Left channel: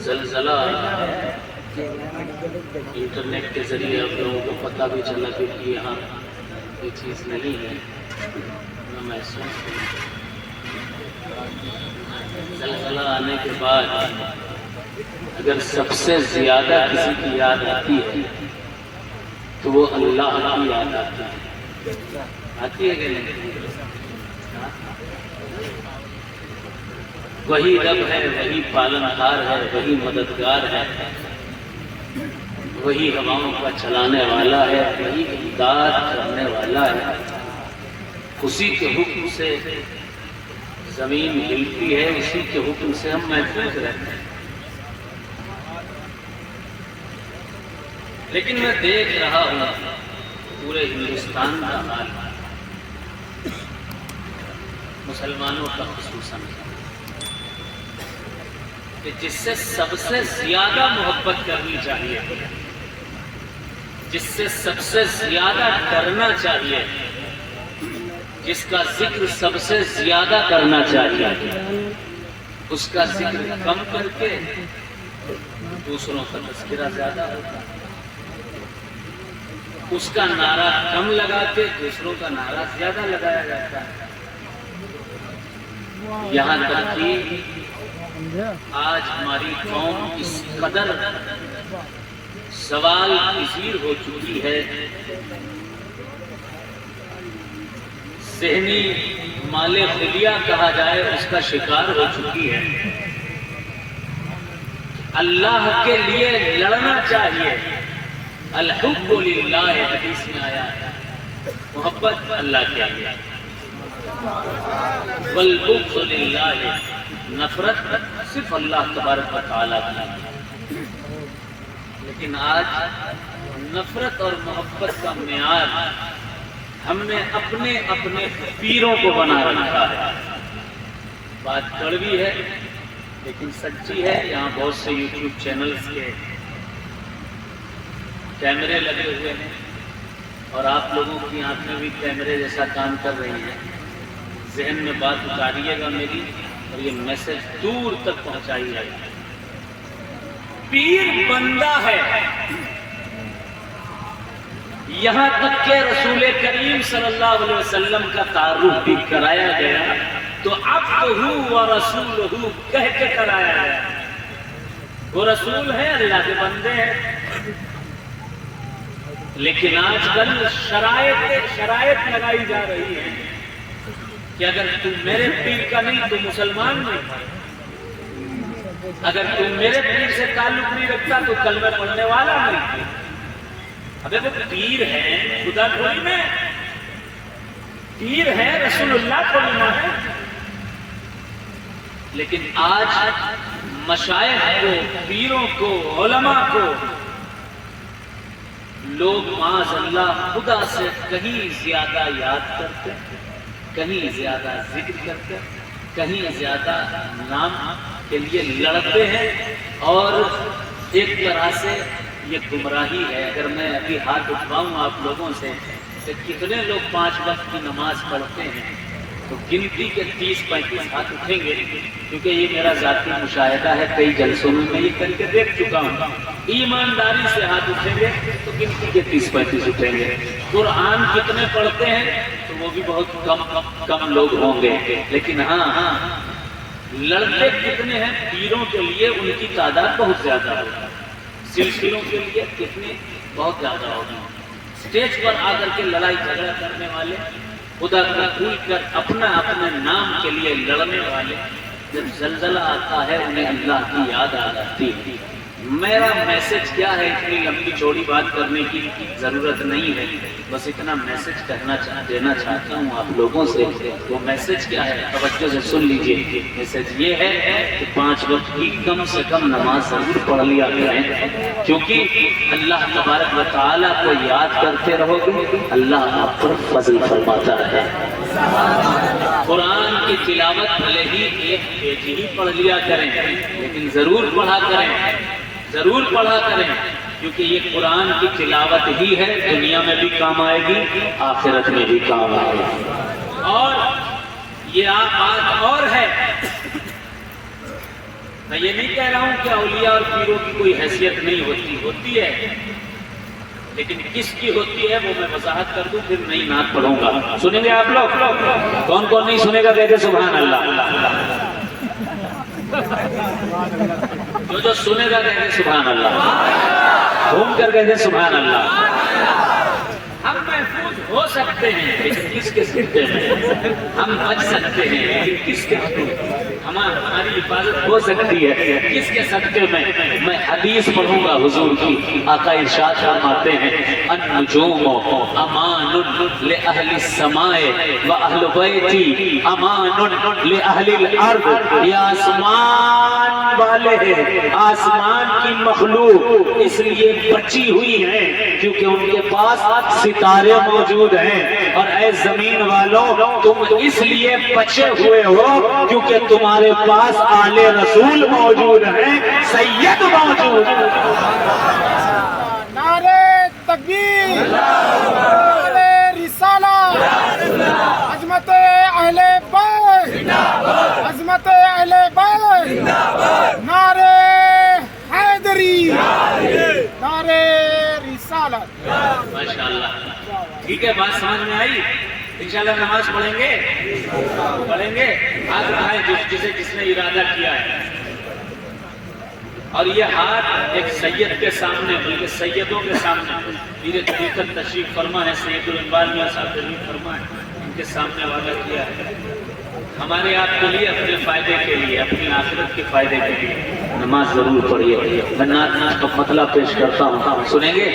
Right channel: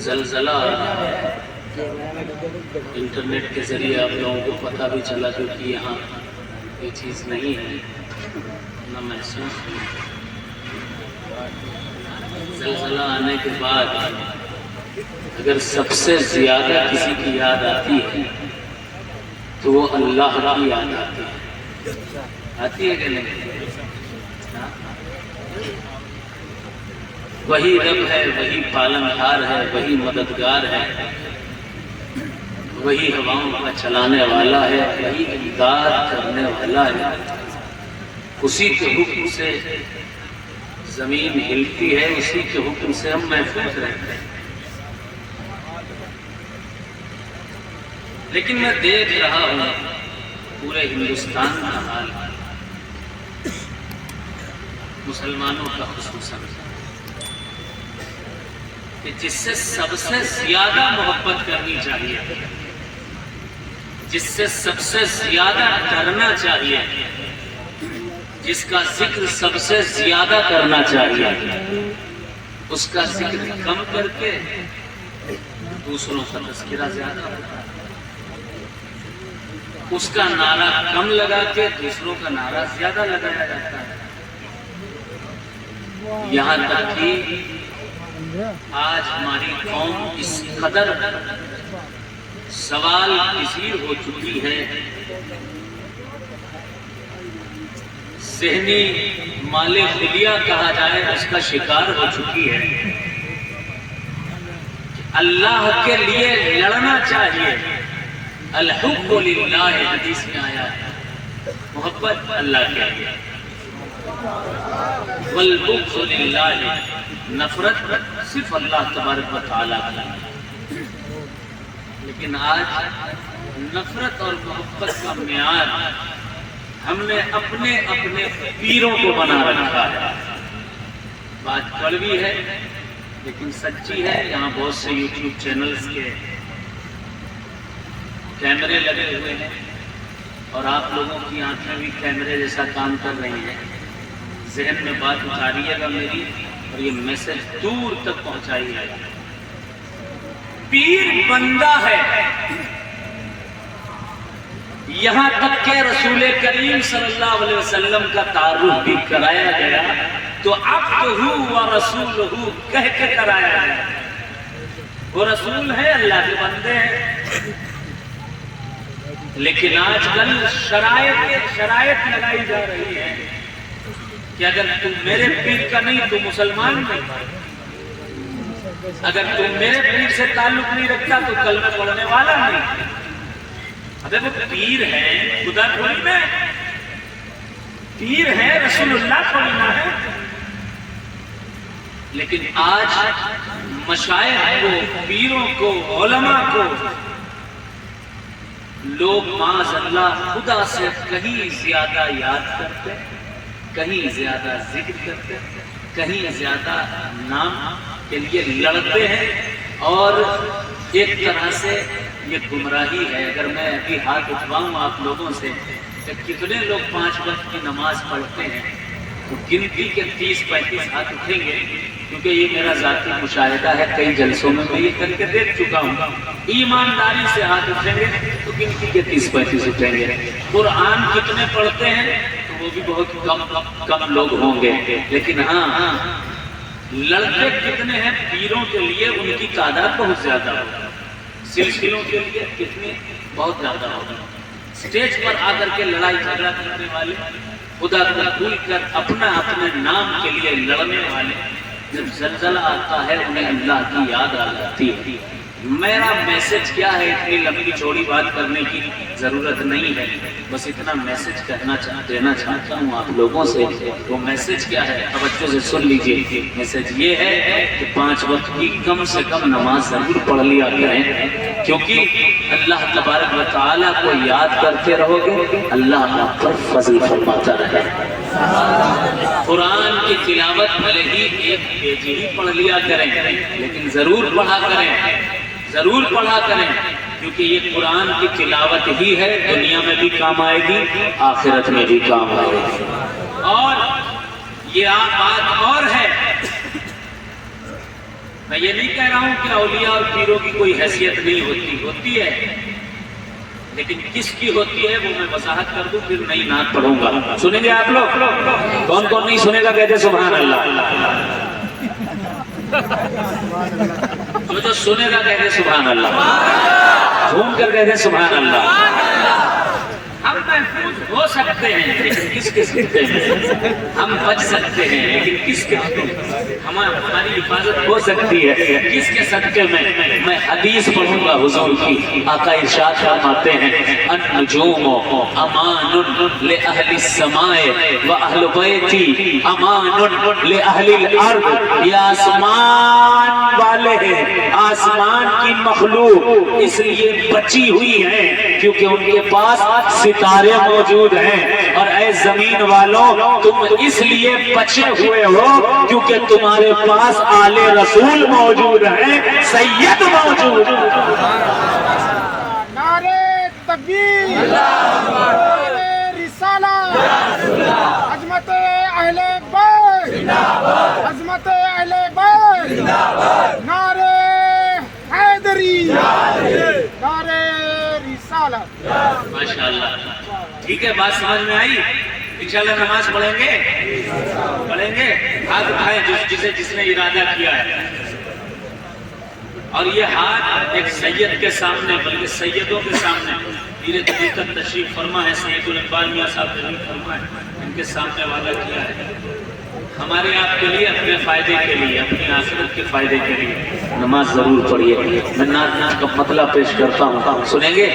زلزلہ انٹرنیٹ کے ذریعے آپ لوگوں کو پتہ بھی چلا کہ یہاں یہ چیز نہیں ہے نہ محسوس ہوئی۔ زلزلہ آنے کے بعد اگر سب سے زیادہ کسی کی یاد آتی ہے تو وہ اللہ کی یاد آتی ہے کہ نہیں؟ وہی رب ہے، وہی پالنہار ہے، وہی مددگار ہے، وہی ہواؤں کا چلانے والا ہے، وہی امداد کرنے والا ہے۔ اسی کے حکم سے زمین ہلتی ہے، اسی کے حکم سے ہم محفوظ رہتے ہیں۔ لیکن میں دیکھ رہا ہوں پورے ہندوستان کا حال، مسلمانوں کا خصوصاً، کہ جس سے سب سے زیادہ محبت کرنی چاہیے، جس سے سب سے زیادہ ڈرنا چاہیے، جس کا ذکر سب سے زیادہ کرنا چاہیے، اس کا ذکر کم کر کے دوسروں کا تذکرہ زیادہ ہوتا ہے، اس کا نعرہ کم لگا کے دوسروں کا نعرہ زیادہ لگایا جاتا ہے۔ یہاں تک کہ آج ہماری قوم اس قدر سوال پذیر ہو چکی ہے، ذہنی مال خلیہ کہا جائے اس کا شکار ہو چکی ہے۔ اللہ کے لیے لڑنا چاہیے، الحب للہ حدیث میں آیا ہے، محبت اللہ کے لیے، والبغض للہ، نفرت صرف اللہ تبارک و تعالیٰ کی۔ لیکن آج نفرت اور محبت کا معیار ہم نے اپنے اپنے پیروں کو بنا رکھا ہے۔ بات کڑوی ہے لیکن سچی ہے۔ یہاں بہت سے یوٹیوب چینلز کے کیمرے لگے ہوئے ہیں اور آپ لوگوں کی آنکھیں بھی کیمرے جیسا کام کر رہی ہیں۔ ذہن میں بات اتاریے گا میری اور یہ میسج دور تک پہنچائیے گا۔ پیر بندہ ہے، یہاں تک کہ رسول کریم صلی اللہ علیہ وسلم کا تعارف بھی کرایا گیا تو عبدہ و رسولہ کہہ کے کرایا گیا۔ وہ رسول ہے، اللہ کے بندے ہیں۔ لیکن آج کل شرائط لگائی جا رہی ہے کہ اگر تم میرے پیر کا نہیں تو مسلمان نہیں، اگر تم میرے پیر سے تعلق نہیں رکھتا تو کلمہ پڑھنے والا نہیں۔ ابے وہ پیر ہے، خدا تھوڑی میں پیر ہے، رسول اللہ کو لینا ہے۔ لیکن آج مشائخ کو، پیروں کو، علماء کو لوگ معاذ اللہ خدا سے کہیں زیادہ یاد کرتے، کہیں زیادہ ذکر کرتے، کہیں زیادہ نام کے لیے لڑتے ہیں، اور ایک طرح سے یہ گمراہی ہے۔ اگر میں ابھی ہاتھ اٹھواؤں آپ لوگوں سے کہ کتنے لوگ 5 وقت کی نماز پڑھتے ہیں تو گنتی کے 30-35 ہاتھ اٹھیں گے، کیونکہ یہ میرا ذاتی مشاہدہ ہے، کئی جلسوں میں میں یہ کر کے دیکھ چکا ہوں۔ ایمانداری سے ہاتھ اٹھیں گے تو گنتی کے 30-35 اٹھیں گے۔ قرآن کتنے پڑھتے ہیں تو وہ بھی بہت کم لوگ ہوں گے۔ لیکن ہاں لڑتے کتنے ہیں پیروں کے لیے، ان کی تعداد بہت زیادہ ہوگی۔ سلسلوں کے لیے کتنے، بہت زیادہ ہوگی۔ اسٹیج پر آ کر کے لڑائی جھگڑا کرنے والے، خدا کو بھول کر اپنا اپنے نام کے لیے لڑنے والے، جب زلزلہ آتا ہے انہیں اللہ کی یاد آ جاتی ہے۔ میرا میسج کیا ہے؟ اتنی لمبی چوڑی بات کرنے کی ضرورت نہیں ہے، بس اتنا میسج دینا چاہتا ہوں آپ لوگوں سے۔ وہ میسج کیا ہے؟ توجہ سے سن لیجیے۔ میسج یہ ہے کہ 5 وقت کی کم سے کم نماز ضرور پڑھ لیا کریں، کیونکہ اللہ تبارک و تعالیٰ کو یاد کرتے رہو گے، اللہ آپ پر فضل فرماتا ہے۔ قرآن کی تلاوت بھلے ہی 1 پیج ہی پڑھ لیا کریں، لیکن ضرور پڑھا کریں، ضرور پڑھا کریں، کیونکہ یہ قرآن کی تلاوت ہی ہے، دنیا میں بھی کام آئے گی، آخرت میں بھی کام آئے گی۔ اور یہ بات اور ہے میں یہ نہیں کہہ رہا ہوں کہ اولیاء اور پیروں کی کوئی حیثیت نہیں ہوتی، ہوتی ہے، لیکن کس کی ہوتی ہے وہ میں وضاحت کر دوں، پھر نئی نعت پڑھوں گا۔ سنیں گے آپ لوگ؟ کون کون نہیں سنے گا کہتے سبحان اللہ؟ جو سنے گا کہتے سبحان اللہ، گھوم کر کہتے سبحان اللہ۔ ہم محفوظ ہو سکتے ہیں لیکن کس کے سکتے میں، ہم بچ سکتے ہیں لیکن کس کے ہماری حفاظت ہو سکتی ہے کس کے صدقے میں؟ میں حدیث پڑھوں گا حضور کی، آقا ارشاد فرماتے ہیں النجوم امان لأہل السماء واہل بیتی امان لأہل الارض، یہ آسمان والے ہیں، آسمان کی مخلوق اس لیے بچی ہوئی ہیں کیونکہ ان کے پاس ستارے موجود ہیں، اور اے زمین والوں تم اس لیے بچے ہوئے ہو کیونکہ تمہارے پاس آل رسول موجود ہیں، سید موجود ہیں۔ نعرہ تکبیر، نعرہ رسالہ، عظمت اہل بیت، عظمت اہل بیت، نعرہ حیدری، نعرہ رسالہ۔ ماشاءاللہ، ٹھیک ہے، بات سمجھ میں آئی؟ انشاءاللہ نماز پڑھیں گے، ہاتھ اٹھائیں جس نے ارادہ کیا ہے، اور یہ ہاتھ ایک سید کے سامنے، بلکہ سیدوں کے سامنے پیر طریقت تشریف فرما ہے، سید الانبار میں صاحب تشریف فرما ہے، ان کے سامنے وعدہ کیا ہے ہمارے آپ کے لیے، اپنے فائدے کے لیے، اپنی آخرت کے فائدے کے لیے نماز ضرور پڑھیے۔ میں نعت کا مطلب پیش کرتا ہوں، سنیں گے؟